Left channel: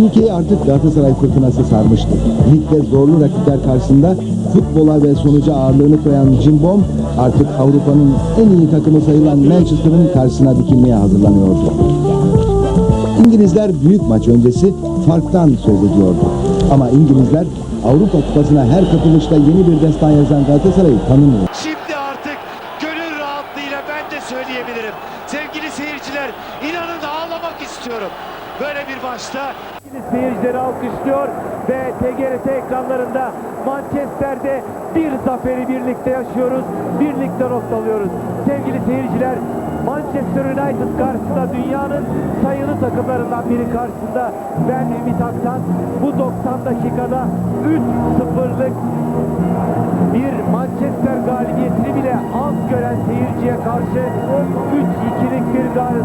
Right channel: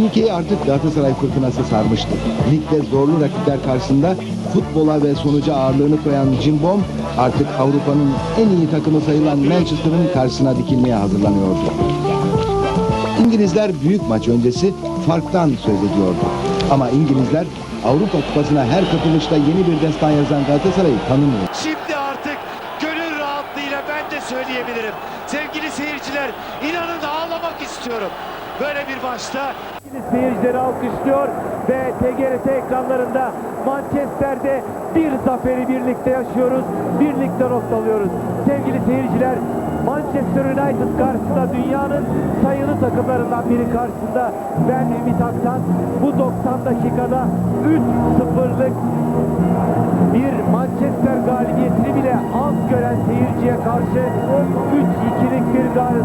Ülkeyi artık Galatasaray fırtınası sarmıştı. Ligde zorlu rakipler karşısında futbola ve sonuca ağırlığını koyan Cimbom artık Avrupa'nın en iyi takımı sayılan Manchester'ın karşısına dikilmeye hazırlanıyordu. İngilizler büyük maç öncesi farktan söz ediyordu. Ama İngilizler Avrupa Kupası'na her katılışta yeni bir destan yazan Galatasaray'ı tanımıyor. Şimdi artık gönül rahatlığıyla ben de söyleyebilirim. Sevgili seyirciler inanın ağlamak istiyorum. Böyle bir maçta Seyircileri alkışlıyor ve TGRT ekranlarında Manchester'de bir zaferi birlikte yaşıyoruz. Birlikte not alıyoruz. Sevgili seyirciler Manchester United karşısında dünyanın sayılı takımlarından biri karşısında ben Ümit Aktan bu 90 dakikada 3-0'lık bir Manchester galibiyetini bile az gören seyirciye karşı 3-2'lik bir Gal-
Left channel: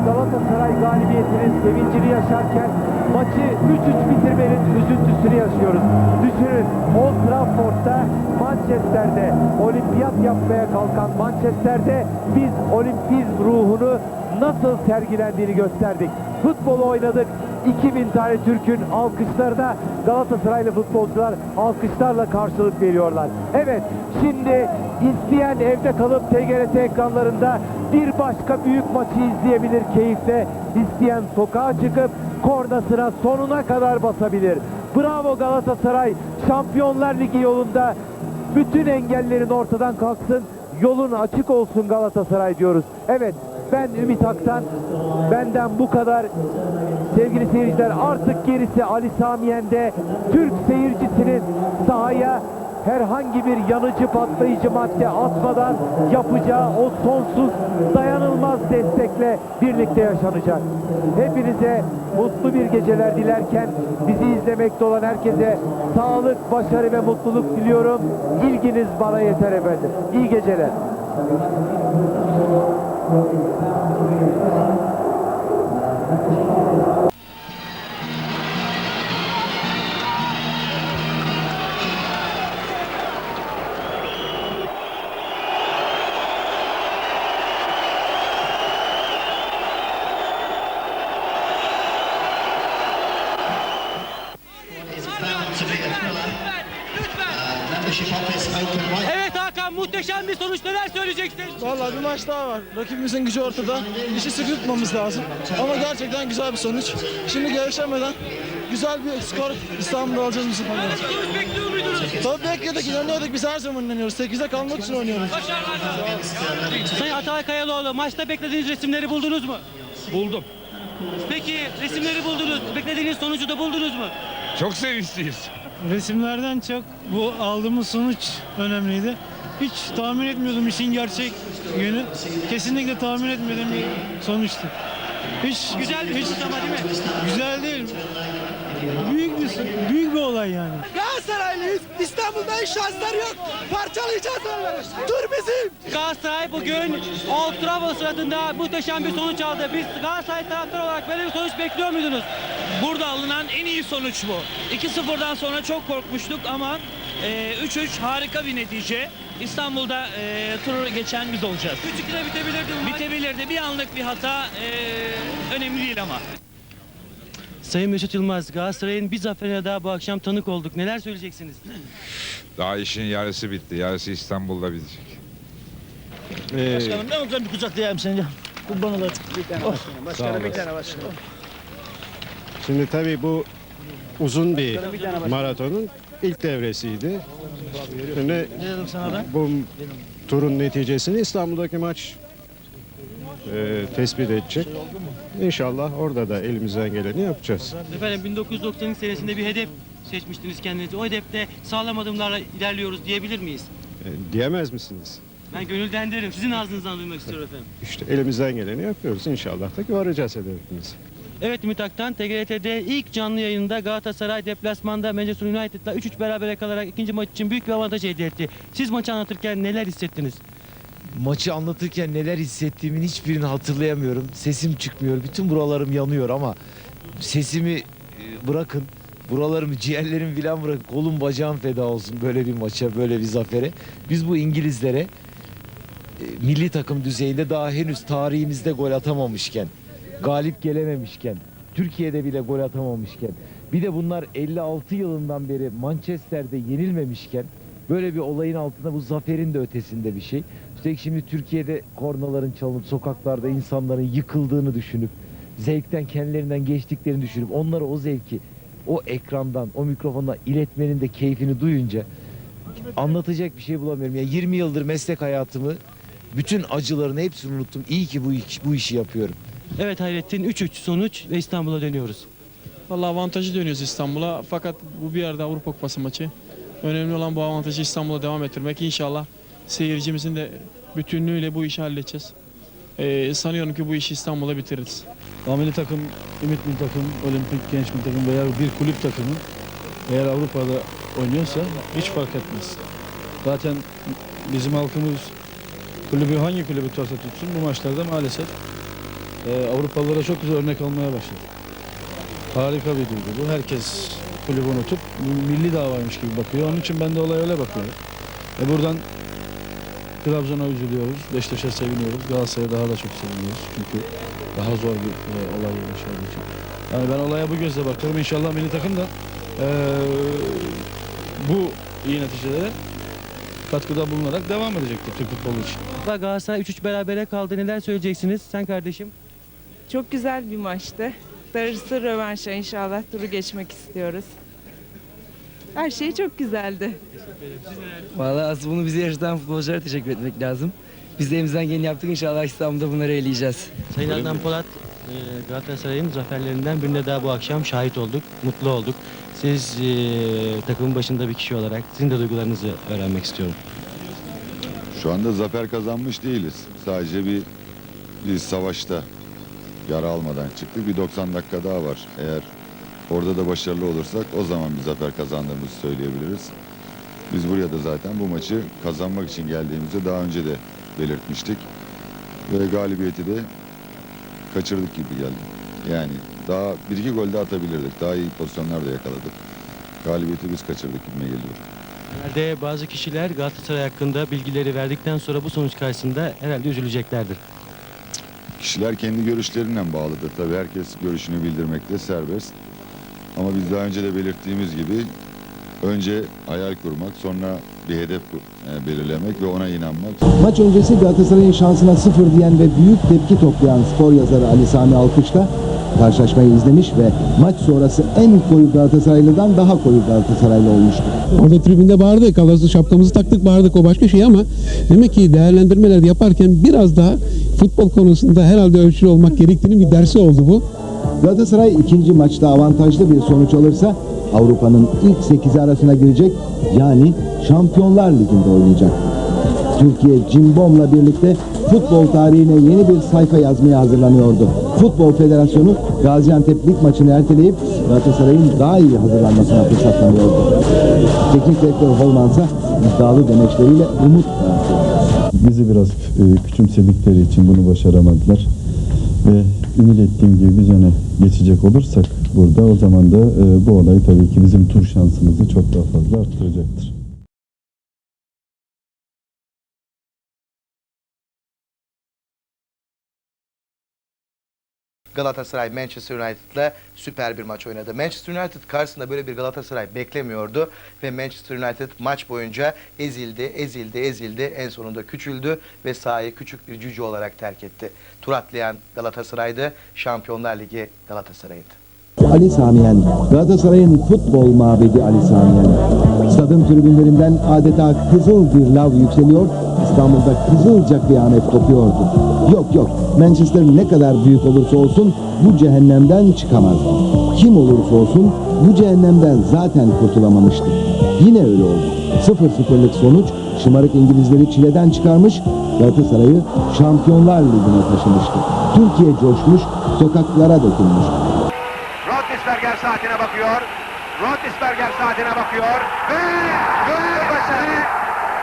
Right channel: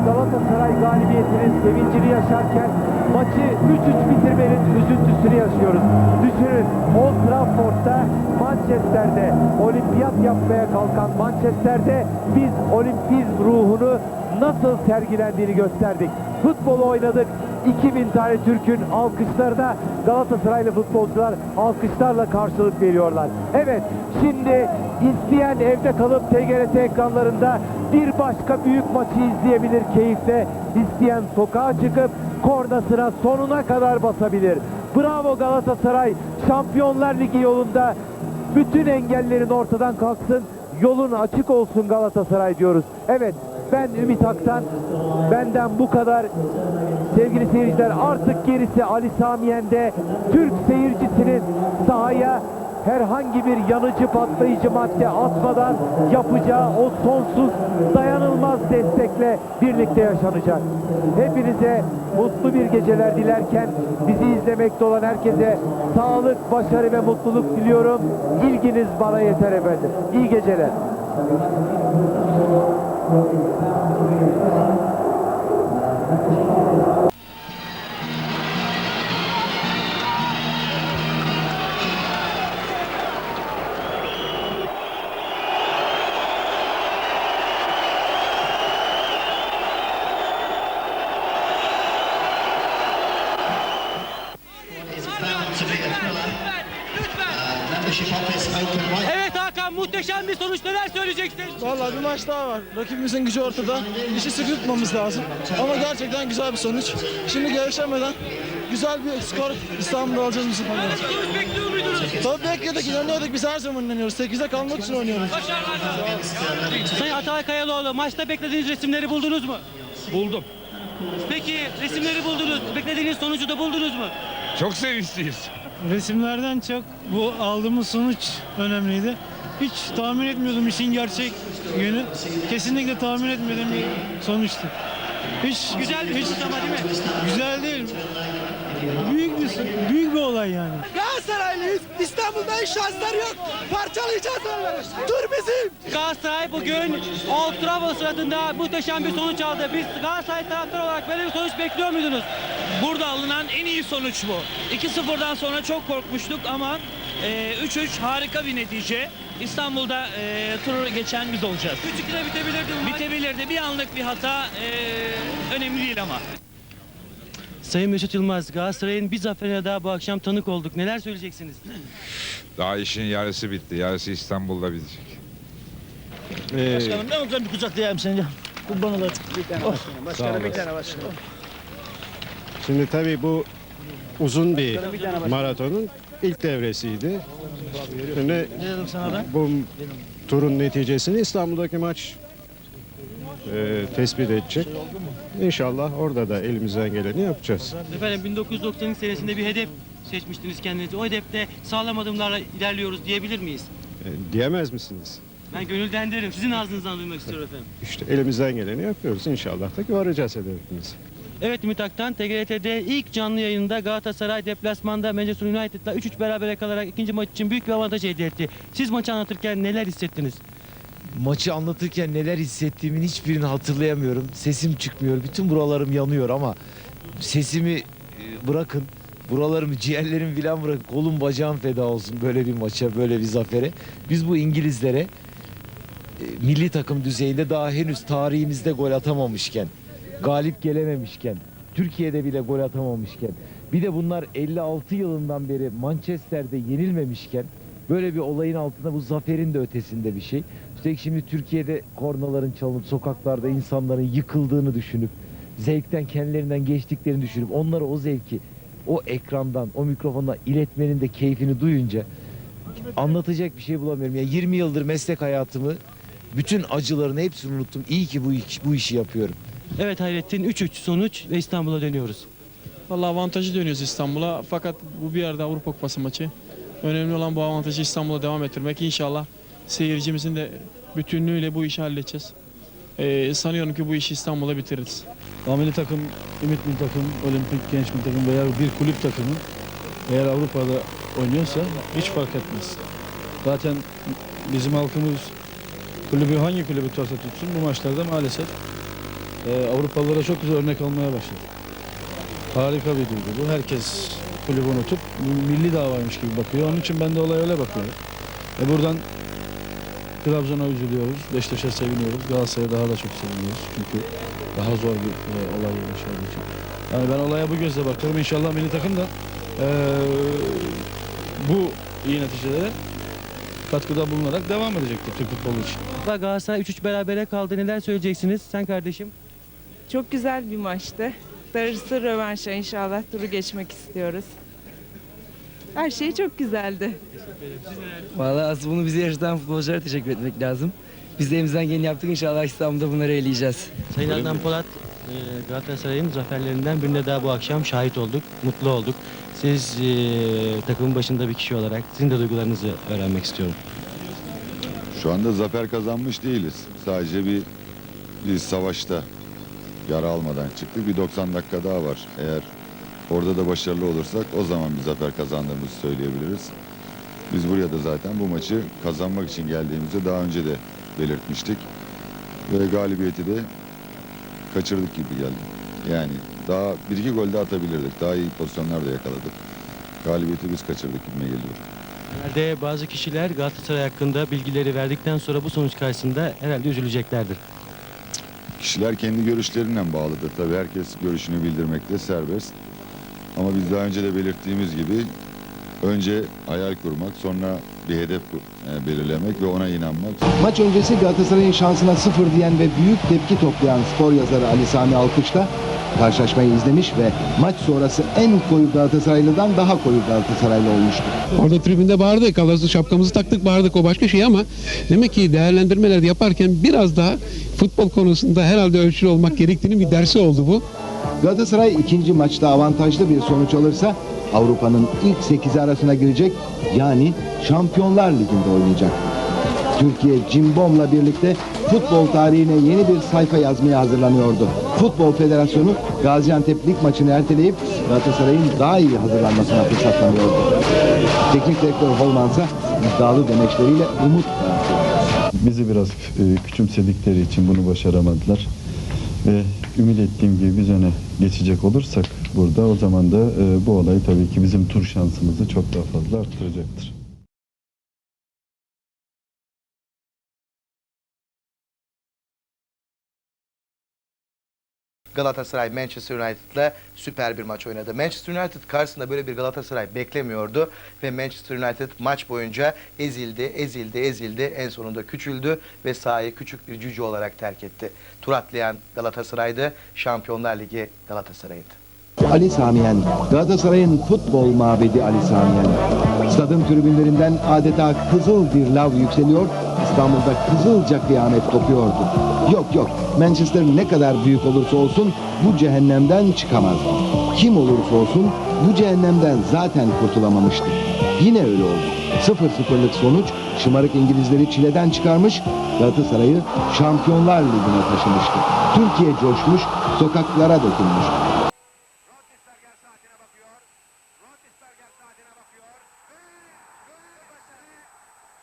Galatasaray galibiyetinin sevincini yaşarken maçı 3-3 bitirmenin üzüntüsünü yaşıyoruz. Düşünün Old Trafford'da Manchester'de olimpiyat yapmaya kalkan Manchester'de biz olimpizm ruhunu nasıl sergilendiğini gösterdik. Futbolu oynadık. 2000 tane Türk'ün alkışlarına Galatasaraylı futbolcular alkışlarla karşılık veriyorlar. Evet şimdi isteyen evde kalıp TGRT ekranlarında bir başka büyük maçı izleyebilir keyifle. İsteyen sokağa çıkıp kornasına sonuna kadar basabilir. Bravo Galatasaray Şampiyonlar Ligi yolunda bütün engellerin ortadan kalksın. Yolun açık olsun Galatasaray diyoruz. Evet ben Ümit Aktan. Benden bu kadar. Sevgili seyirciler artık gerisi Ali Samiyen'de Türk seyircisinin sahaya herhangi bir yanıcı patlayıcı madde atmadan yapacağı o sonsuz dayanılmaz destekle birlikte yaşanacak. Hepinize mutlu bir geceler dilerken bizi izlemekte olan herkese sağlık, başarı ve mutluluk diliyorum. İlginiz bana yeter efendim. İyi geceler. Thank you. Vallahi bir maç daha var. Rakibimizin gücü ortada. İşi sıkı tutmamız lazım. Ama gerçekten güzel bir sonuç. Şimdi gevşemeden güzel bir skor İstanbul'da alacağız bizim Sonuç bekliyor muydunuz? Tabii bekledik, inanıyorduk. Biz her zaman inanıyoruz. 8'e kalmak için oynuyoruz. Sayın Atay Kayalıoğlu maçta beklediğiniz resimleri buldunuz mu? Buldum. Peki resimleri buldunuz. Beklediğiniz sonucu da buldunuz mu? Çok sevinçliyiz. Resimlerden çok bu aldığımız sonuç önemliydi. Hiç tahmin etmiyordum işin gerçek yönü. Kesinlikle tahmin etmediğim bir sonuçtu. Hiç Güzel bir hiç, ama değil mi? Güzel değil. Büyük bir büyük bir olay yani. Galatasaraylıyız. İstanbul'da hiç şanslar yok. Parçalayacağız onları. Dur bizim. Galatasaray bugün Old Trafford sırasında muhteşem bir sonuç aldı. Biz Galatasaray taraftarı olarak böyle bir sonuç bekliyor muydunuz? Burada alınan en iyi sonuç bu. 2-0'dan sonra çok korkmuştuk ama e, 3-3 harika bir netice. İstanbul'da e, turu geçen biz olacağız. 3-2'de bitebilirdi bu maç. Bitebilirdi. Bir anlık bir hata e, önemli değil ama. Sayın Mesut Yılmaz, Galatasaray'ın bir zaferine daha bu akşam tanık olduk. Neler söyleyeceksiniz? Daha işin yarısı bitti. Yarısı İstanbul'da bitecek. Başkanım ne olacak bir kucaklayayım seni. Kurban olayım. Başkanım bir tane Şimdi tabii bu uzun bir maratonun ilk devresiydi. Şimdi bu turun neticesini İstanbul'daki maç e, tespit edecek. İnşallah orada da elimizden geleni yapacağız. Efendim 1992 senesinde bir hedef seçmiştiniz kendinize. O hedefte sağlam adımlarla ilerliyoruz diyebilir miyiz? E, diyemez misiniz? Ben gönülden derim. Sizin ağzınızdan duymak istiyorum efendim. İşte elimizden geleni yapıyoruz. İnşallah da varacağız hedefimize. Evet Ümit Aktan, TGRT'de ilk canlı yayında Galatasaray deplasmanda Manchester United'la 3-3 berabere kalarak ikinci maç için büyük bir avantaj elde etti. Siz maçı anlatırken neler hissettiniz? Maçı anlatırken neler hissettiğimin hiçbirini hatırlayamıyorum. Sesim çıkmıyor. Bütün buralarım yanıyor ama sesimi e, bırakın. Buralarımı, ciğerlerimi filan bırakın. Kolum bacağım feda olsun böyle bir maça, böyle bir zafere. Biz bu İngilizlere e, milli takım düzeyinde daha henüz tarihimizde gol atamamışken, galip gelememişken, Türkiye'de bile gol atamamışken Bir de bunlar 56 yılından beri Manchester'de yenilmemişken böyle bir olayın altında bu zaferin de ötesinde bir şey. Üstelik şimdi Türkiye'de kornaların çalınıp sokaklarda insanların yıkıldığını düşünüp zevkten kendilerinden geçtiklerini düşünüp onlara o zevki o ekrandan, o mikrofondan iletmenin de keyfini duyunca anlatacak bir şey bulamıyorum. Ya 20 yıldır meslek hayatımı bütün acılarını hepsini unuttum. İyi ki bu, bu işi yapıyorum. Evet Hayrettin 3-3 sonuç ve İstanbul'a dönüyoruz. Vallahi avantajı dönüyoruz İstanbul'a. Fakat bu bir yerde Avrupa Kupası maçı. Önemli olan bu avantajı İstanbul'a devam ettirmek. İnşallah seyircimizin de bütünlüğüyle bu işi halledeceğiz. Ee, sanıyorum ki bu işi İstanbul'da bitiririz. Milli takım, ümit milli takım, olimpik genç milli takım veya bir kulüp takımı eğer Avrupa'da oynuyorsa hiç fark etmez. Zaten bizim halkımız kulübü hangi kulübü tutarsa tutsun bu maçlarda maalesef e, Avrupalılara çok güzel örnek almaya başladı. Harika bir duygu bu. Herkes kulübü unutup milli davaymış gibi bakıyor. Onun için ben de olaya öyle bakıyorum. E buradan Trabzon'a üzülüyoruz, Beşiktaş'a seviniyoruz, Galatasaray'a daha da çok seviniyoruz. Çünkü daha zor bir e, olay yaşadığı için. Yani ben olaya bu gözle bakıyorum. İnşallah milli takım da e, bu iyi neticelere katkıda bulunarak devam edecektir Türk futbolu için. Galatasaray 3-3 berabere kaldı. Neler söyleyeceksiniz? Sen kardeşim. Çok güzel bir maçtı. Darısı rövanşa inşallah turu geçmek istiyoruz. Her şey çok güzeldi. Vallahi asıl bunu bize yarıştan futbolculara teşekkür etmek lazım. Biz de elimizden geleni yaptık inşallah İstanbul'da bunları eleyeceğiz. Sayın Adnan Polat e, Galatasaray'ın zaferlerinden birine daha bu akşam şahit olduk. Mutlu olduk. Siz e, takımın başında bir kişi olarak sizin de duygularınızı öğrenmek istiyorum. Şu anda zafer kazanmış değiliz. Sadece bir, bir savaşta yara almadan çıktık. Bir 90 dakika daha var. Eğer orada da başarılı olursak o zaman bir zafer kazandığımızı söyleyebiliriz. Biz buraya da zaten bu maçı kazanmak için geldiğimizi daha önce de belirtmiştik. Ve galibiyeti de kaçırdık gibi geldi. Yani daha bir iki gol de atabilirdik. Daha iyi pozisyonlar da yakaladık. Galibiyeti biz kaçırdık gibime geliyor. Herhalde bazı kişiler Galatasaray hakkında bilgileri verdikten sonra bu sonuç karşısında herhalde üzüleceklerdir. Kişiler kendi görüşlerinden bağlıdır. Tabii herkes görüşünü bildirmekte serbest. Ama biz daha önce de belirttiğimiz gibi önce hayal kurmak, sonra bir hedef e, belirlemek ve ona inanmak. Maç öncesi Galatasaray'ın şansına sıfır diyen ve büyük tepki toplayan spor yazarı Ali Sami Alkış'ta karşılaşmayı izlemiş ve maç sonrası en koyu Galatasaraylı'dan daha koyu Galatasaraylı olmuştu. Orada tribünde bağırdık, Galatasaray şapkamızı taktık bağırdık o başka şey ama demek ki değerlendirmeler yaparken biraz daha futbol konusunda herhalde ölçülü olmak gerektiğini bir dersi oldu bu. Galatasaray ikinci maçta avantajlı bir sonuç alırsa Avrupa'nın ilk 8'i arasına girecek yani Şampiyonlar Ligi'nde oynayacak. Türkiye Cimbom'la birlikte futbol tarihine yeni bir sayfa yazmaya hazırlanıyordu. Futbol Federasyonu Gaziantep Lig maçını erteleyip Galatasaray'ın daha iyi hazırlanmasına fırsat tanıyordu. Teknik direktör Holman ise iddialı demeçleriyle umut. Bizi biraz e, küçümsedikleri için bunu başaramadılar. Ve ümit ettiğim gibi biz öne geçecek olursak burada o zaman da e, bu olay tabii ki bizim tur şansımızı çok daha fazla arttıracaktır. Galatasaray Manchester United'la süper bir maç oynadı. Manchester United karşısında böyle bir Galatasaray beklemiyordu ve Manchester United maç boyunca ezildi, ezildi, ezildi. En sonunda küçüldü ve sahayı küçük bir cüce olarak terk etti. Tur atlayan Galatasaray'dı, Şampiyonlar Ligi Galatasaray'dı. Ali Samiyen, Galatasaray'ın futbol mabedi Ali Samiyen. Stadın tribünlerinden adeta kızıl bir lav yükseliyor, İstanbul'da kızılca kıyamet kopuyordu. Yok yok, Manchester ne kadar büyük olursa olsun bu cehennemden çıkamaz. Kim olursa olsun bu cehennemden zaten kurtulamamıştı. Yine öyle oldu. 0-0'lık sonuç şımarık İngilizleri çileden çıkarmış, Galatasaray'ı Şampiyonlar Ligi'ne taşımıştı. Türkiye coşmuş, sokaklara dökülmüştü. Rotisberger saatine bakıyor. Rotisberger saatine bakıyor. Ve, ve başarı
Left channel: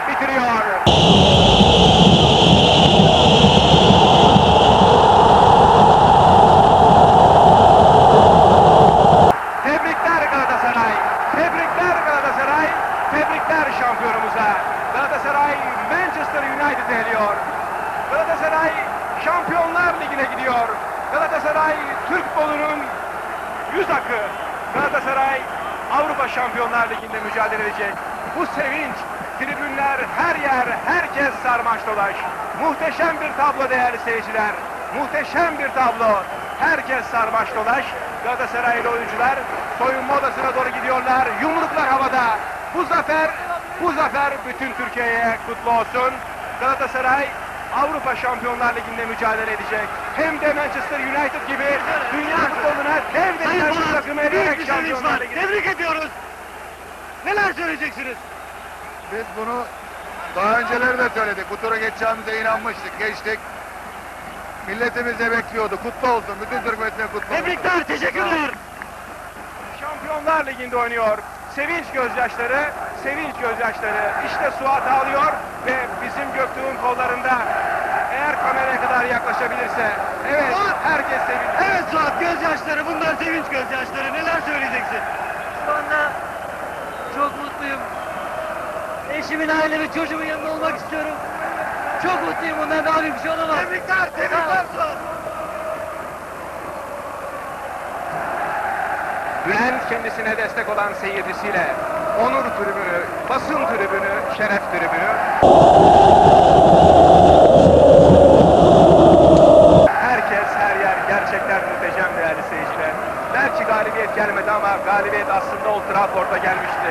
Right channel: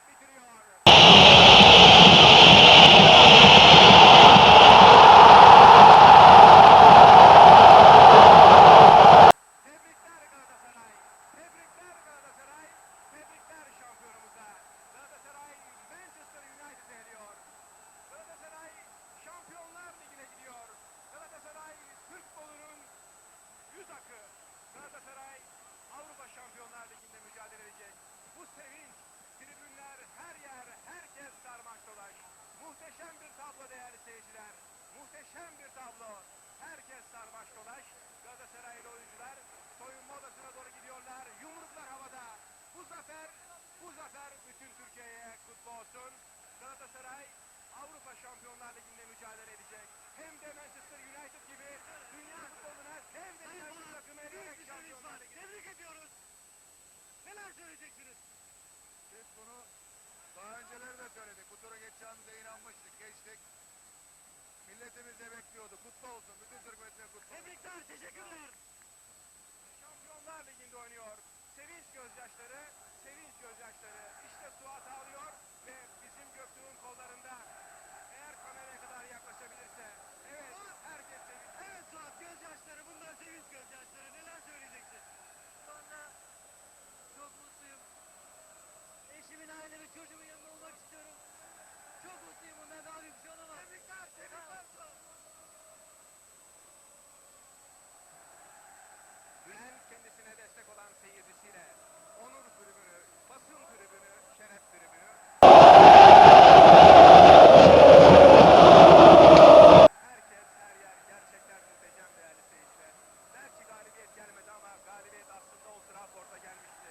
bitiriyor. Tebrikler Galatasaray. Tebrikler Galatasaray. Tebrikler şampiyonumuza. Galatasaray Manchester United eliyor. Galatasaray Şampiyonlar Ligi'ne gidiyor. Galatasaray Türk futbolunun yüz akı, Galatasaray Avrupa Şampiyonlar Ligi'nde mücadele edecek. Bu sevinç, tribünler, her yer, herkes sarmaş dolaş. Muhteşem bir tablo değerli seyirciler. Muhteşem bir tablo. Herkes sarmaş dolaş. Galatasaraylı oyuncular soyunma odasına doğru gidiyorlar. Yumruklar havada. Bu zafer, bu zafer bütün Türkiye'ye kutlu olsun. Galatasaray Avrupa Şampiyonlar Ligi'nde mücadele edecek. Hem de Manchester United gibi dünya futboluna dev denilen bir takımı eleyerek Şampiyonlar Ligi'ne. Tebrik ediyoruz. Neler söyleyeceksiniz? Biz bunu daha önceleri de söyledik. Bu tura geçeceğimize inanmıştık. Geçtik. Milletimiz de bekliyordu. Kutlu olsun. Bütün Türk milletine kutlu olsun. Tebrikler, teşekkürler. Şampiyonlar Ligi'nde oynuyor. Sevinç gözyaşları, sevinç gözyaşları. İşte Suat ağlıyor ve bizim Göktuğ'un kollarında. Kameraya kadar yaklaşabilirse. Evet, herkes sevinç. Evet Suat, gözyaşları. Bunlar sevinç gözyaşları. Neler söyleyeceksin? Şu anda çok mutluyum. Eşimin, ailemin, çocuğumun yanında olmak istiyorum. Çok mutluyum. Bundan daha büyük bir şey olamaz. Tebrikler, tebrikler Suat. Bülent kendisine destek olan seyircisiyle onur tribünü, basın tribünü, şeref tribünü. Herkes, her yer gerçekten muhteşem değerli seyirciler. Belki galibiyet gelmedi ama galibiyet aslında Old Trafford'a gelmişti.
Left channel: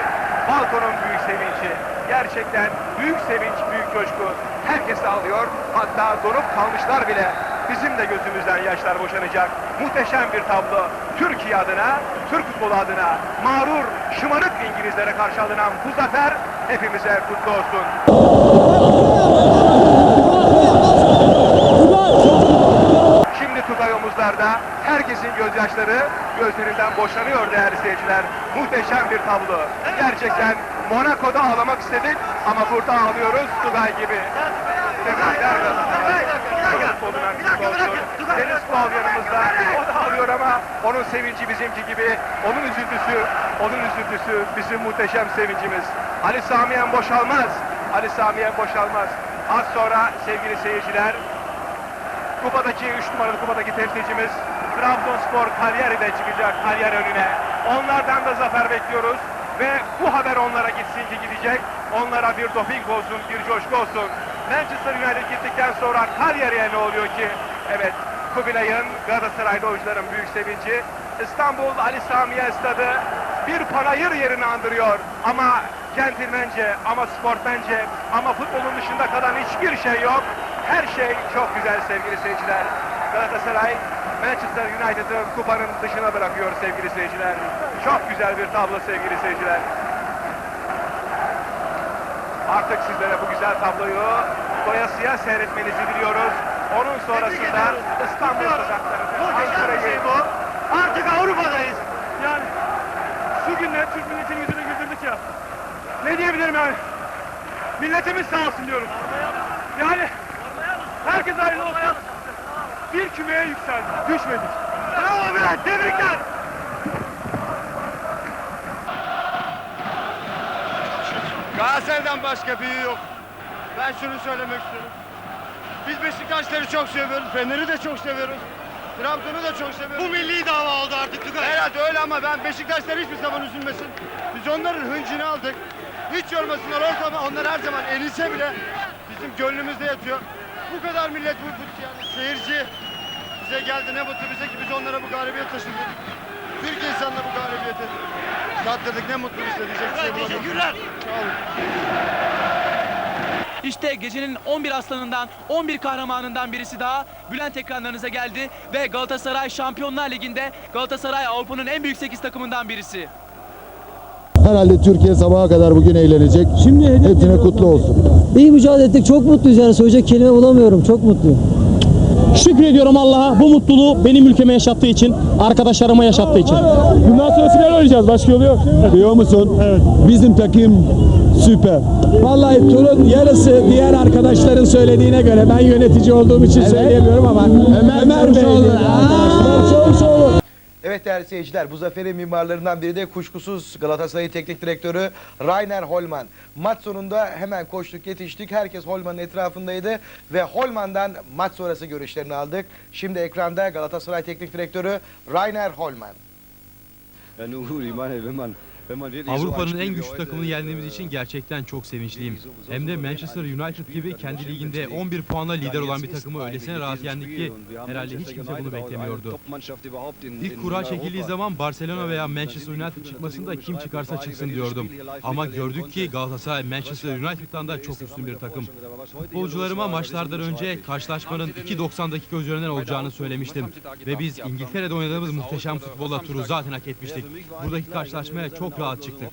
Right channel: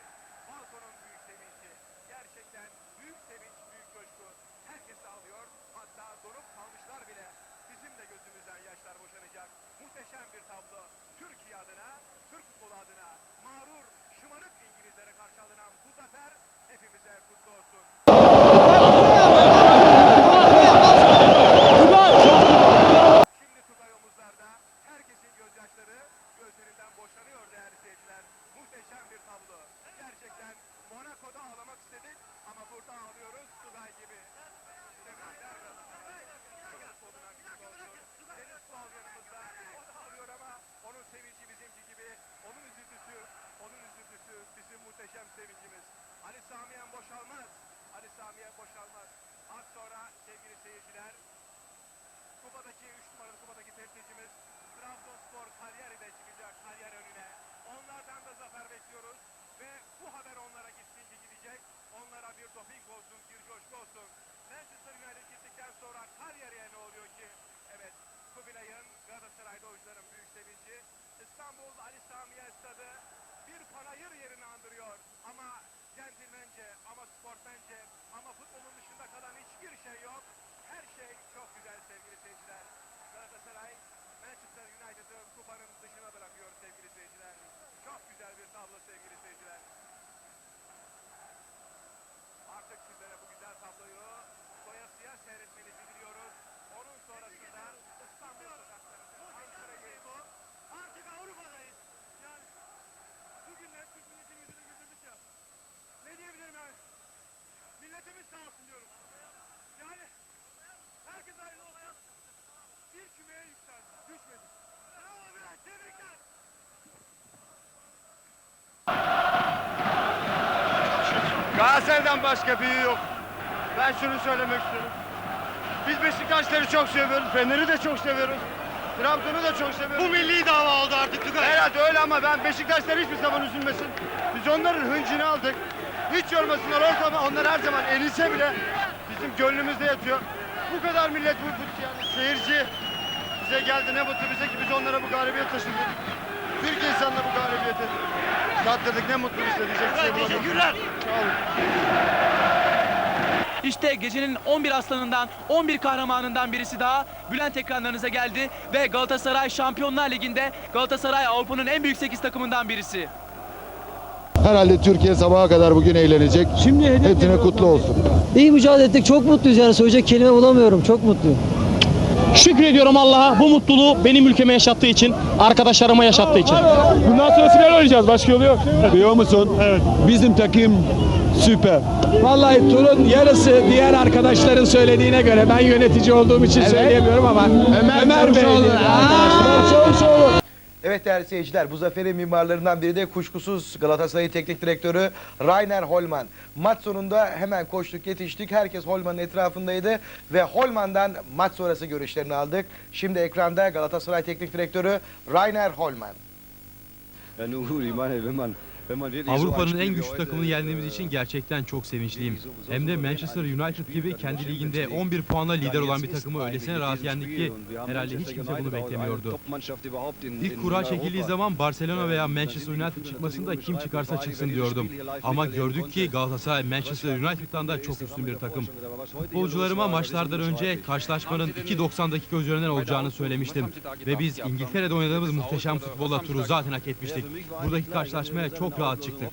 Balkonun büyük sevinci, gerçekten büyük sevinç, büyük coşku. Herkes ağlıyor, hatta donup kalmışlar bile. Bizim de gözümüzden yaşlar boşanacak. Muhteşem bir tablo. Türkiye adına, Türk futbolu adına mağrur, şımarık İngilizlere karşı alınan bu zafer hepimize kutlu olsun. Tugay omuzlarda herkesin gözyaşları gözlerinden boşanıyor değerli seyirciler. Muhteşem bir tablo. Gerçekten Monaco'da ağlamak istedik ama burada ağlıyoruz Tugay gibi. Tebrikler. Deniz Kual yanımızda. O da ağlıyor ama onun sevinci bizimki gibi. Onun üzüntüsü, onun üzüntüsü bizim muhteşem sevincimiz. Ali Samiyen boşalmaz. Ali Samiyen boşalmaz. Az sonra sevgili seyirciler Kupadaki 3 numaralı kupadaki temsilcimiz Trabzonspor Cagliari'de çıkacak Cagliari önüne. Onlardan da zafer bekliyoruz ve bu haber onlara gitsin ki gidecek. Onlara bir doping olsun, bir coşku olsun. Manchester United gittikten sonra Cagliari'ye ne oluyor ki? Evet, Kubilay'ın Galatasaraylı oyuncuların büyük sevinci. İstanbul Ali Samiye Stadı bir panayır yerini andırıyor ama centilmence, ama sportmence, ama futbolun dışında kalan hiçbir şey yok. Her şey çok güzel sevgili seyirciler. Galatasaray Manchester United'ı kupanın dışına bırakıyor sevgili seyirciler. Çok güzel bir tablo sevgili seyirciler. Artık sizlere bu güzel tabloyu doyasıya seyretmenizi diliyoruz. Onun sonrasında İstanbul sokaklarında Ankara'yı Artık Avrupa'dayız. yani şu günler Türk milletinin yüzünü güldürdük ya. Ne diyebilirim yani? Milletimiz sağ olsun diyorum. Yani herkes hayırlı olsun. Bir kümeye yükseldik, düşmedik. Bravo Bülent, tebrikler. Galatasaray'dan başka büyüğü yok. Ben şunu söylemek istiyorum. Biz Beşiktaşları çok seviyoruz, Fener'i de çok seviyoruz. Trabzon'u da çok seviyoruz. Bu milli dava oldu artık Tugay. Herhalde öyle ama ben Beşiktaşlar hiçbir zaman üzülmesin. Biz onların hıncını aldık. Hiç yormasınlar ortamı. Onlar her zaman erilse bile bizim gönlümüzde yatıyor. Bu kadar millet bu, bu yani seyirci bize geldi ne mutlu bize ki biz onlara bu galibiyet taşıdık. Türkiye insanına bu galibiyeti tattırdık ne mutlu bize diyecek bir şey bulamadım. Teşekkürler. Sağ olun. İşte gecenin 11 aslanından, 11 kahramanından birisi daha Bülent ekranlarınıza geldi ve Galatasaray Şampiyonlar Ligi'nde Galatasaray Avrupa'nın en büyük 8 takımından birisi. Herhalde Türkiye sabaha kadar bugün eğlenecek. Şimdi Hepsine kutlu olsun. İyi mücadele ettik. Çok mutluyuz yani. Söyleyecek kelime bulamıyorum. Çok mutluyum. Şükrediyorum Allah'a bu mutluluğu benim ülkeme yaşattığı için, arkadaşlarıma yaşattığı için. Bundan sonra final oynayacağız. Başka yolu yok. Biliyor musun? Evet. Bizim takım süper. Vallahi turun yarısı diğer arkadaşların söylediğine göre ben yönetici olduğum için söyleyemiyorum ama Ömer, Bey. Evet değerli seyirciler bu zaferin mimarlarından biri de kuşkusuz Galatasaray Teknik Direktörü Rainer Holman. Maç sonunda hemen koştuk yetiştik. Herkes Holman'ın etrafındaydı ve Holman'dan maç sonrası görüşlerini aldık. Şimdi ekranda Galatasaray Teknik Direktörü Rainer Holman. Avrupa'nın en güçlü takımını yendiğimiz için gerçekten çok sevinçliyim. Hem de Manchester United gibi kendi liginde 11 puanla lider olan bir takımı öylesine rahat yendik ki herhalde hiç kimse bunu beklemiyordu. İlk kura çekildiği zaman Barcelona veya Manchester United çıkmasında kim çıkarsa çıksın diyordum. Ama gördük ki Galatasaray Manchester United'dan da çok üstün bir takım. Futbolcularıma maçlardan önce karşılaşmanın 2.90 dakika üzerinden olacağını söylemiştim. Ve biz İngiltere'de oynadığımız muhteşem futbolla turu zaten hak etmiştik. Buradaki karşılaşmaya çok rahat çıktık.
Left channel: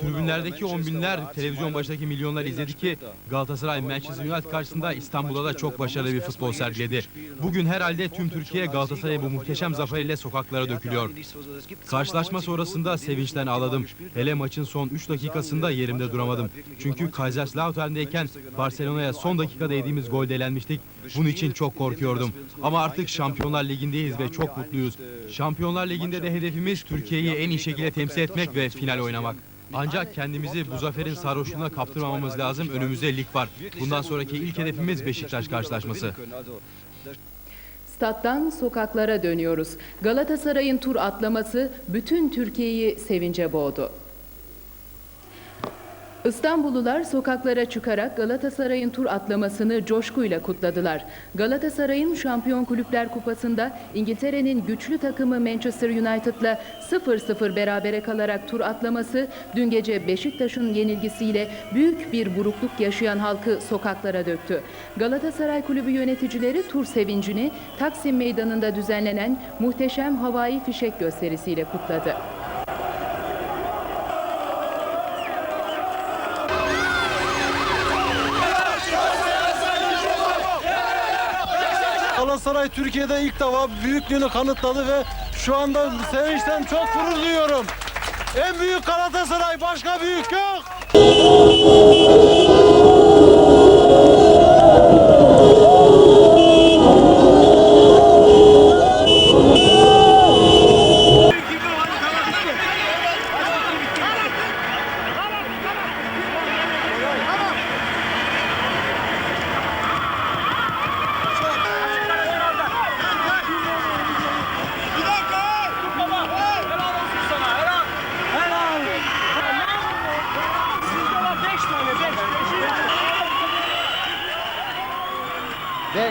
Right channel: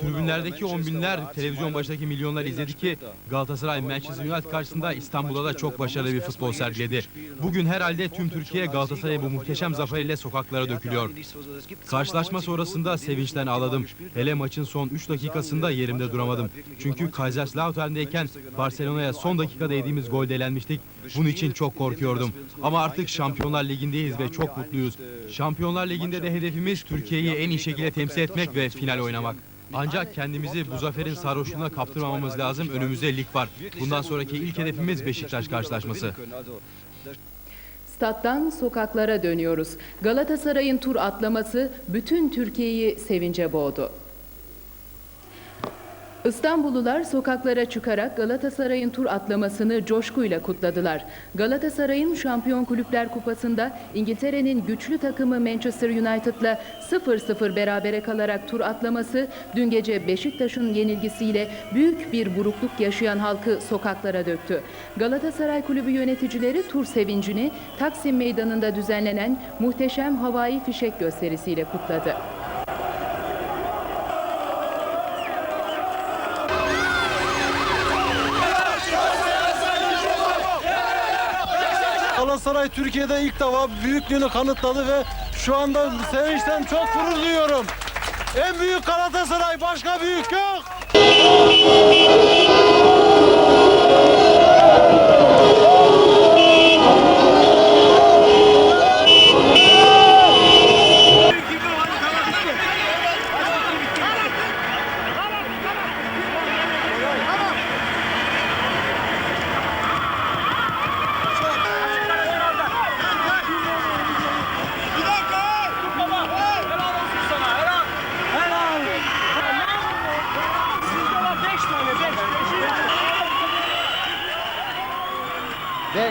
Tribünlerdeki on binler, televizyon başındaki milyonlar izledi ki Galatasaray Manchester United karşısında İstanbul'da da çok başarılı bir futbol sergiledi. Bugün herhalde tüm Türkiye Galatasaray'ın bu muhteşem zaferiyle sokaklara dökülüyor. Karşılaşma sonrasında sevinçten ağladım. Hele maçın son 3 dakikasında yerimde duramadım. Çünkü Kaiserslautern'deyken Barcelona'ya son dakikada yediğimiz golde elenmiştik. Bunun için çok korkuyordum. Ama artık Şampiyonlar Ligi'ndeyiz ve çok mutluyuz. Şampiyonlar Ligi'nde de hedefimiz Türkiye'yi en iyi şekilde temsil etmek ve final oynamak. Ancak kendimizi bu zaferin sarhoşluğuna kaptırmamamız lazım. Önümüzde lig var. Bundan sonraki ilk hedefimiz Beşiktaş karşılaşması. Stat'tan sokaklara dönüyoruz. Galatasaray'ın tur atlaması bütün Türkiye'yi sevince boğdu. İstanbullular sokaklara çıkarak Galatasaray'ın tur atlamasını coşkuyla kutladılar. Galatasaray'ın Şampiyon Kulüpler Kupası'nda İngiltere'nin güçlü takımı Manchester United'la 0-0 berabere kalarak tur atlaması dün gece Beşiktaş'ın yenilgisiyle büyük bir burukluk yaşayan halkı sokaklara döktü. Galatasaray Kulübü yöneticileri tur sevincini Taksim Meydanı'nda düzenlenen muhteşem havai fişek gösterisiyle kutladı. Galatasaray Türkiye'de ilk defa büyüklüğünü kanıtladı ve şu anda sevinçten çok gurur duyuyorum. En büyük Galatasaray başka büyük yok.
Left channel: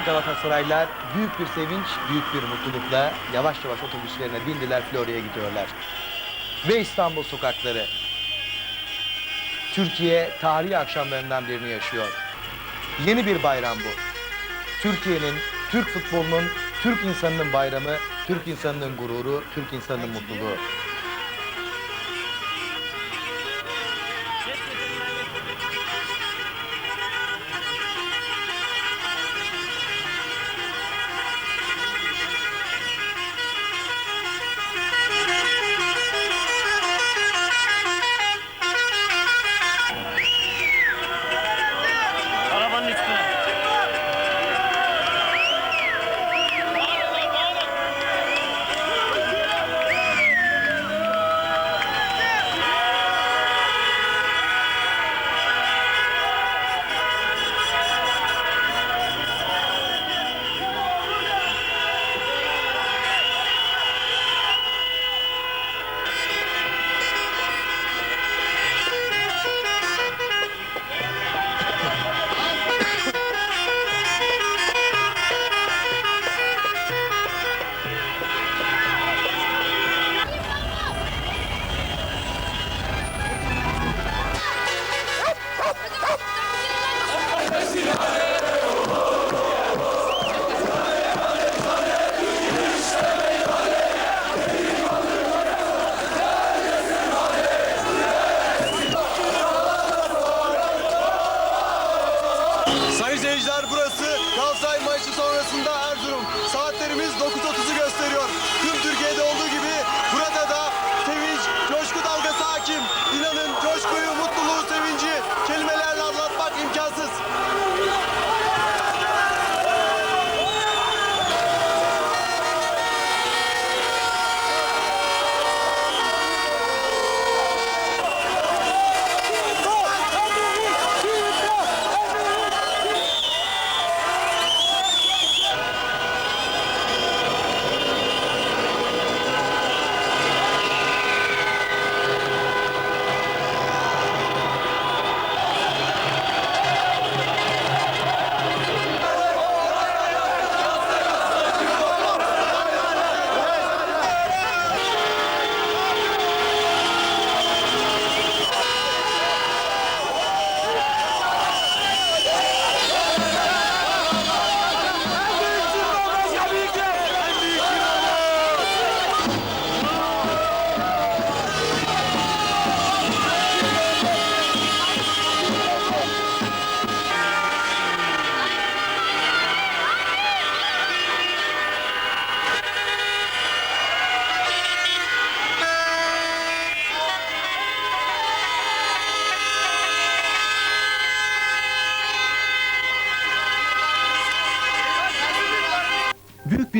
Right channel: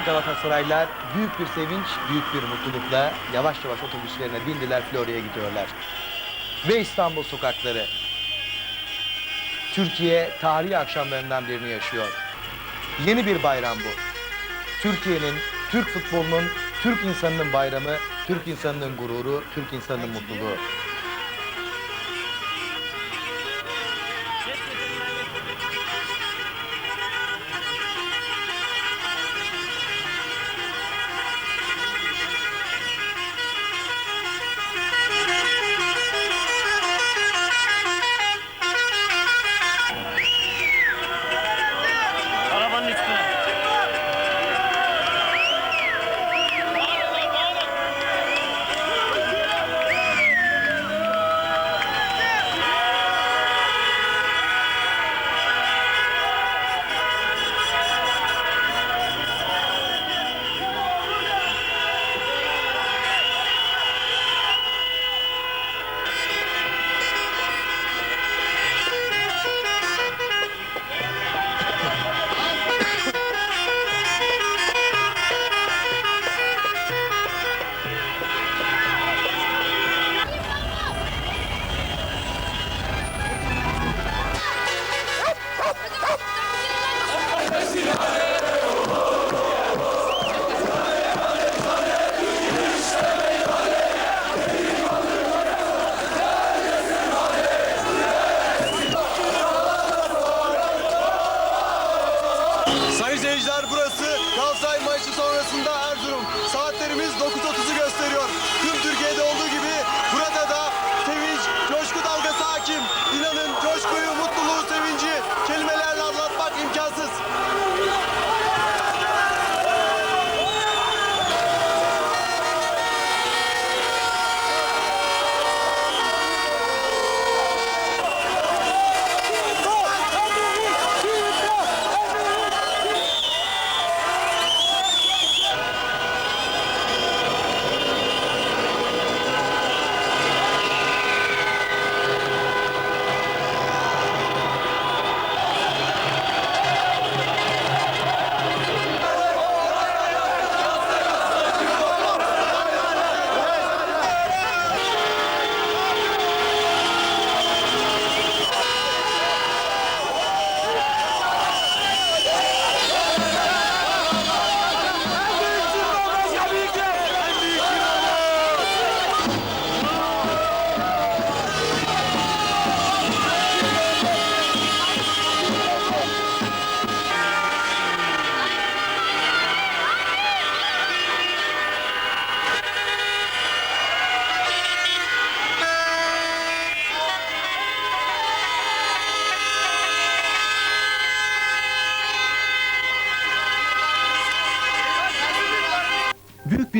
Ve Galatasaraylılar büyük bir sevinç, büyük bir mutlulukla yavaş yavaş otobüslerine bindiler Florya'ya gidiyorlar. Ve İstanbul sokakları. Türkiye tarihi akşamlarından birini yaşıyor. Yeni bir bayram bu. Türkiye'nin, Türk futbolunun, Türk insanının bayramı, Türk insanının gururu, Türk insanının mutluluğu.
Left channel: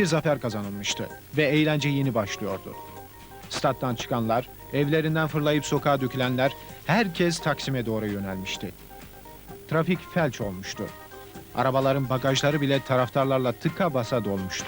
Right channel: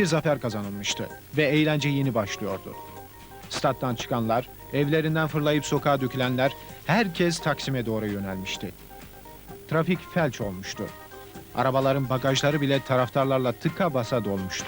Bir zafer kazanılmıştı ve eğlence yeni başlıyordu. Stat'tan çıkanlar, evlerinden fırlayıp sokağa dökülenler, herkes Taksim'e doğru yönelmişti. Trafik felç olmuştu. Arabaların bagajları bile taraftarlarla tıka basa dolmuştu.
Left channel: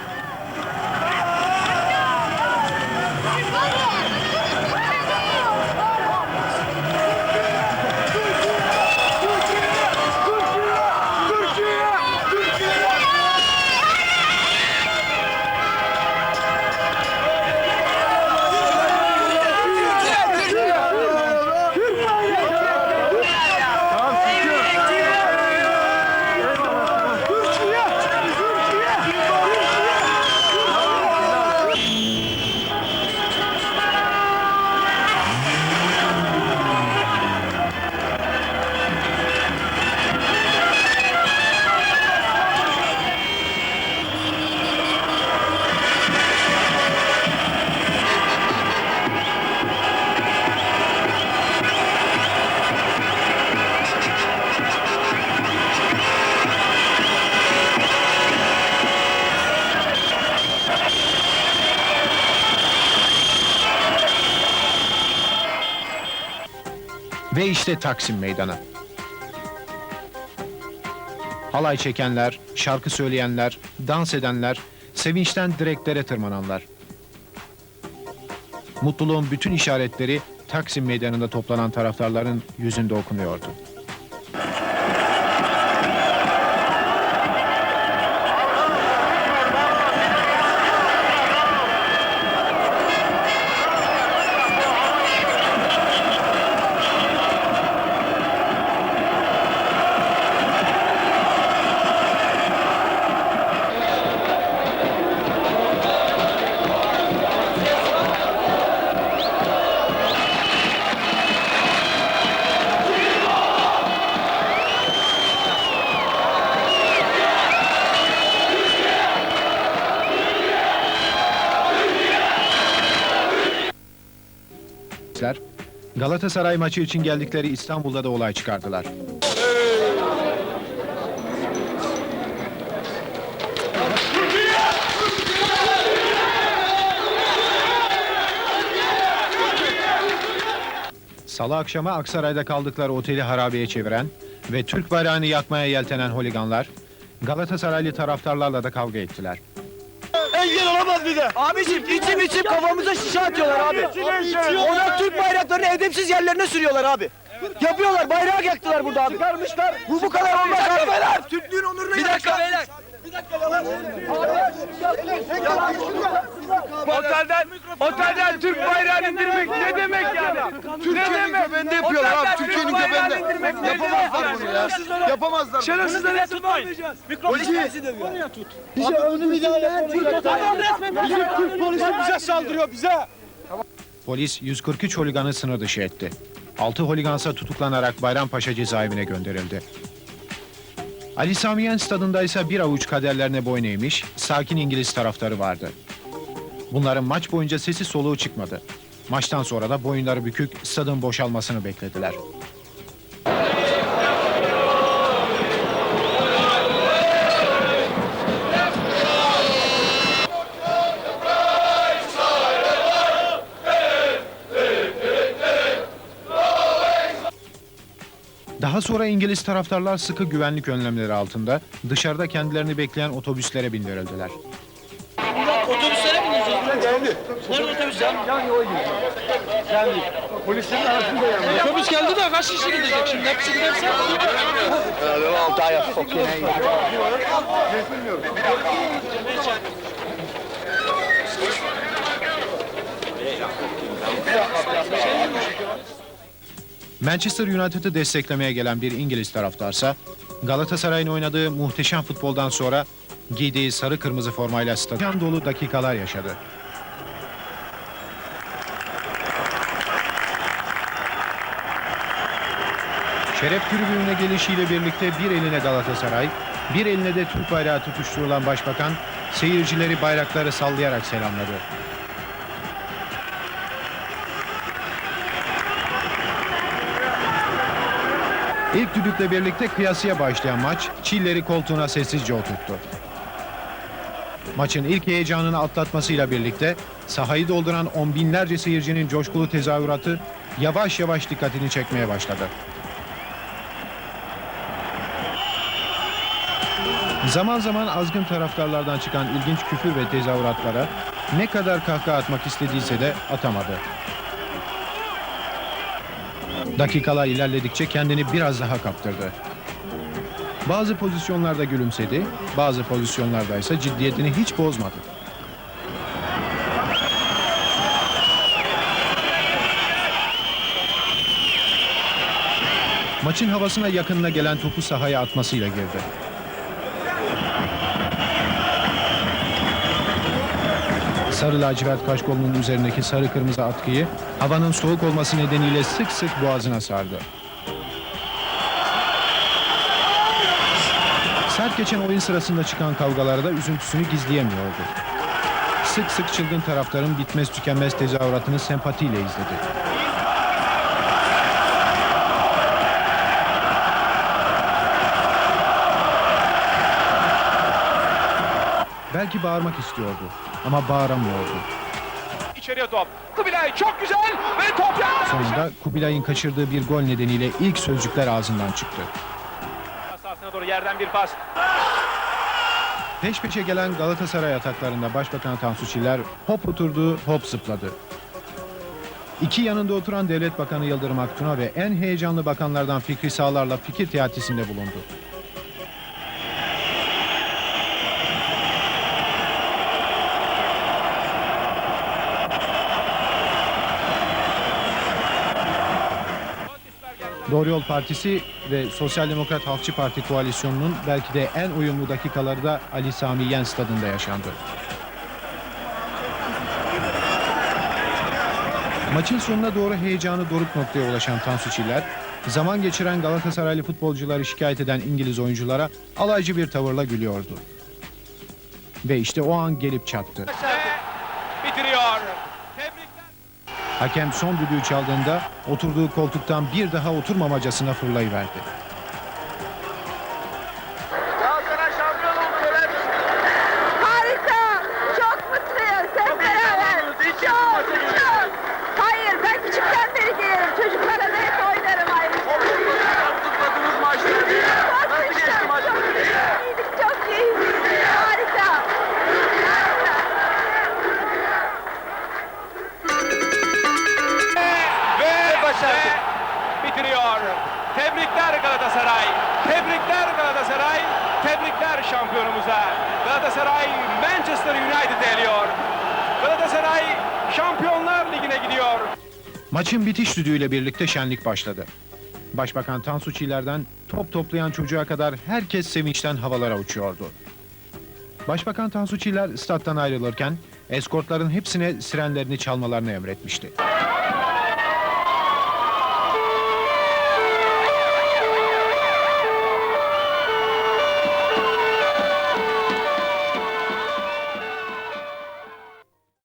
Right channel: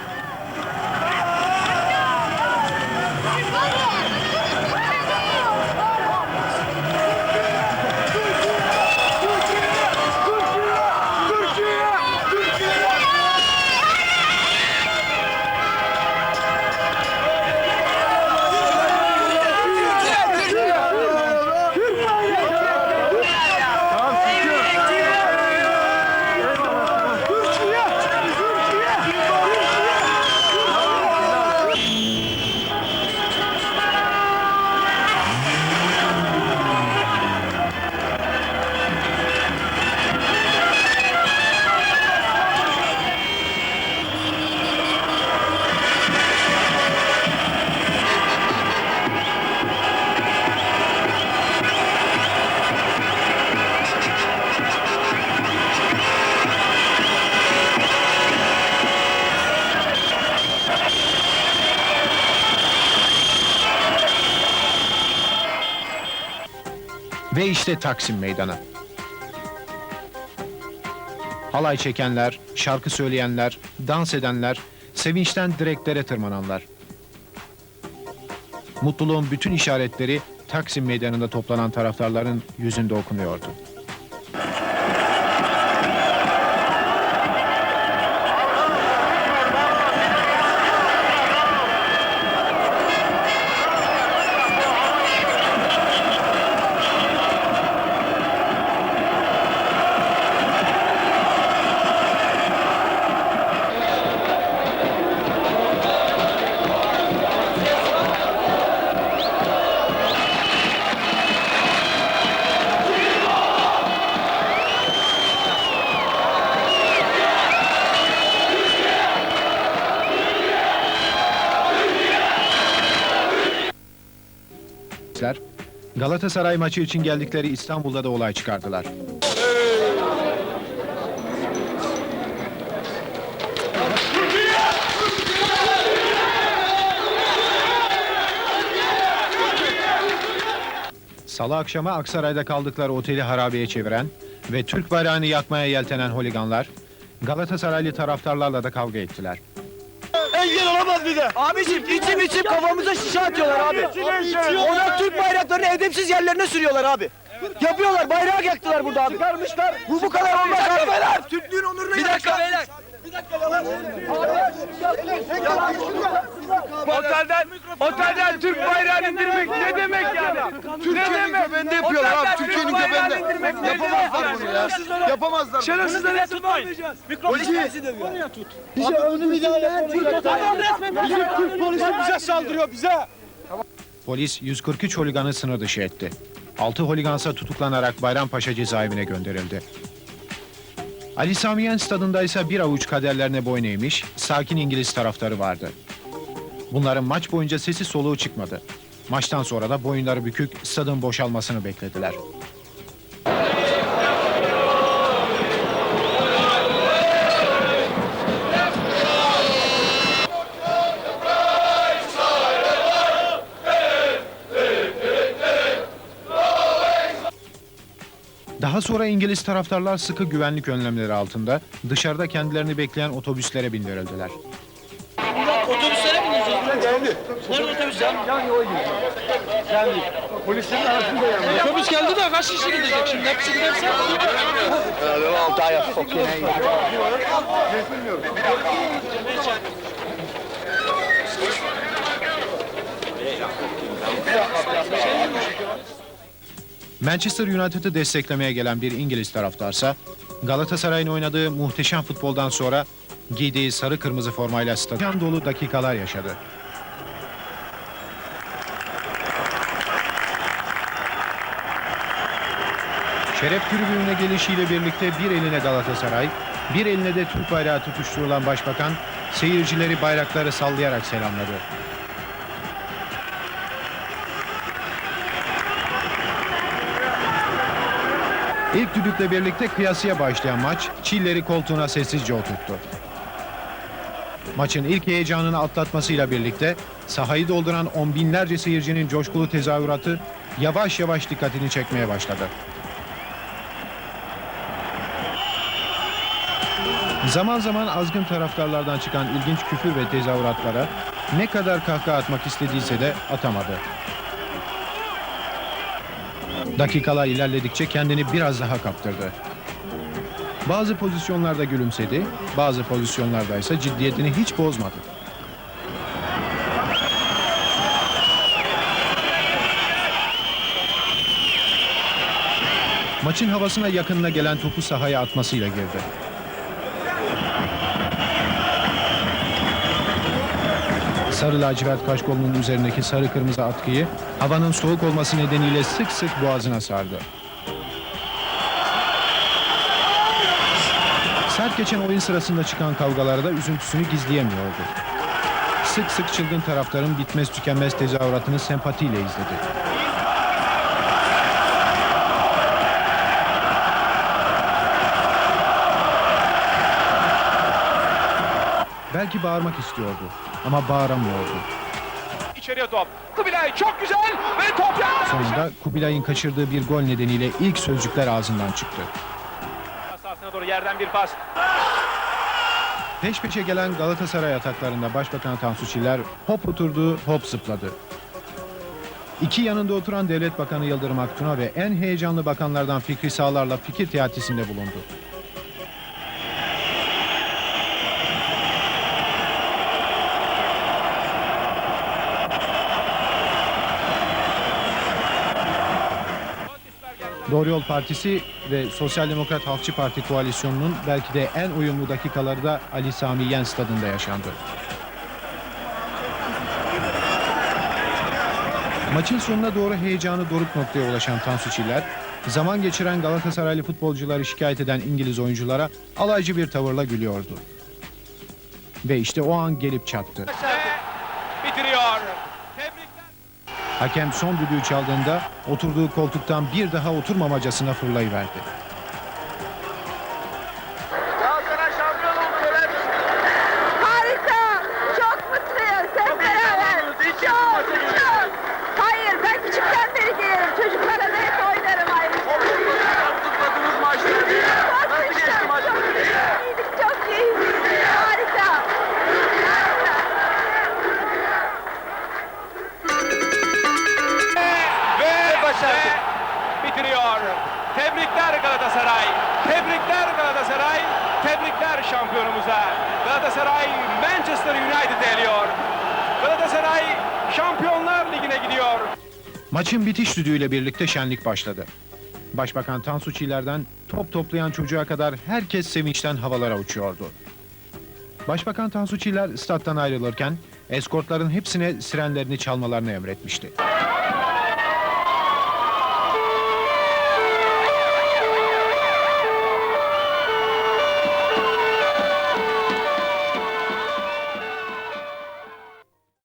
Ve işte Taksim Meydanı. Halay çekenler, şarkı söyleyenler, dans edenler, sevinçten direklere tırmananlar. Mutluluğun bütün işaretleri Taksim Meydanı'nda toplanan taraftarların yüzünde okunuyordu. Galatasaray maçı için geldikleri İstanbul'da da olay çıkardılar. Salı akşamı Aksaray'da kaldıkları oteli harabeye çeviren ve Türk bayrağını yakmaya yeltenen holiganlar Galatasaraylı taraftarlarla da kavga ettiler. Engel olamaz bize. Abicim içim içim kafamıza şişe atıyorlar abi. Onlar Türk bayraklarını edepsiz yerlerine sürüyorlar abi. Yapıyorlar bayrağı yaktılar burada abi. Çıkarmışlar. Bu bu kadar olmaz abi. Beyler. Türklüğün onuruna Bir dakika beyler. Bir dakika yalan. Otelden, otelden Türk bayrağını indirmek ne demek yani? Türkiye'nin göbeğinde yapıyorlar abi. Türkiye'nin göbeğinde. Yapamazlar bunu ya. Yapamazlar. Şerefsizleri tutmayın. Polisi dövüyor. tut. Bize önü müdahale Bizim Türk polisi bize saldırıyor bize. Polis 143 holiganı sınır dışı etti. 6 holigansa tutuklanarak Bayrampaşa cezaevine gönderildi. Ali Sami Yen stadında ise bir avuç kaderlerine boyun eğmiş, sakin İngiliz taraftarı vardı. Bunların maç boyunca sesi soluğu çıkmadı. Maçtan sonra da boyunları bükük stadın boşalmasını beklediler. Daha sonra İngiliz taraftarlar sıkı güvenlik önlemleri altında dışarıda kendilerini bekleyen otobüslere bindirildiler. Bineceğiz. Geldi. Nerede otobüsler? Yani o gidiyor. Geldi. Polislerin arasında yani. Otobüs geldi de kaç kişi gidecek şimdi? Hepsi giderse. Altı ay çok Manchester United'ı desteklemeye gelen bir İngiliz taraftarsa Galatasaray'ın oynadığı muhteşem futboldan sonra giydiği sarı kırmızı formayla stadyon dolu dakikalar yaşadı. Şeref tribününe gelişiyle birlikte bir eline Galatasaray, bir eline de Türk bayrağı tutuşturulan başbakan seyircileri bayrakları sallayarak selamladı. İlk düdükle birlikte kıyasıya başlayan maç Çilleri koltuğuna sessizce oturttu. Maçın ilk heyecanını atlatmasıyla birlikte sahayı dolduran on binlerce seyircinin coşkulu tezahüratı yavaş yavaş dikkatini çekmeye başladı. Zaman zaman azgın taraftarlardan çıkan ilginç küfür ve tezahüratlara ne kadar kahkaha atmak istediyse de atamadı. Dakikalar ilerledikçe kendini biraz daha kaptırdı. Bazı pozisyonlarda gülümsedi, bazı pozisyonlarda ise ciddiyetini hiç bozmadı. Maçın havasına yakınına gelen topu sahaya atmasıyla girdi. Sarı lacivert kaşkolunun üzerindeki sarı kırmızı atkıyı havanın soğuk olması nedeniyle sık sık boğazına sardı. Sert geçen oyun sırasında çıkan kavgalarda üzüntüsünü gizleyemiyordu. Sık sık çılgın taraftarın bitmez tükenmez tezahüratını sempatiyle izledi. Belki bağırmak istiyordu ama bağıramıyordu. İçeriye top. Kubilay çok güzel ve top yandan. Sonunda Kubilay'ın kaçırdığı bir gol nedeniyle ilk sözcükler ağzından çıktı. Sahasına doğru yerden bir pas. Peş peşe gelen Galatasaray ataklarında Başbakan Tansu Çiller hop oturdu, hop zıpladı. İki yanında oturan Devlet Bakanı Yıldırım Aktun'a ve en heyecanlı bakanlardan Fikri Sağlar'la fikir teatisinde bulundu. Doğru Yol Partisi ve Sosyal Demokrat Halkçı Parti koalisyonunun belki de en uyumlu dakikaları da Ali Sami Yen stadında yaşandı. Maçın sonuna doğru heyecanı doruk noktaya ulaşan Tansu Çiller, zaman geçiren Galatasaraylı futbolcuları şikayet eden İngiliz oyunculara alaycı bir tavırla gülüyordu. Ve işte o an gelip çattı. Bitiriyor. Hakem son düdüğü çaldığında oturduğu koltuktan bir daha oturmamacasına fırlayıverdi. Maçın bitiş düdüğüyle birlikte şenlik başladı. Başbakan Tansu Çiller'den top toplayan çocuğa kadar herkes sevinçten havalara uçuyordu. Başbakan Tansu Çiller stat'tan ayrılırken eskortların hepsine sirenlerini çalmalarını emretmişti.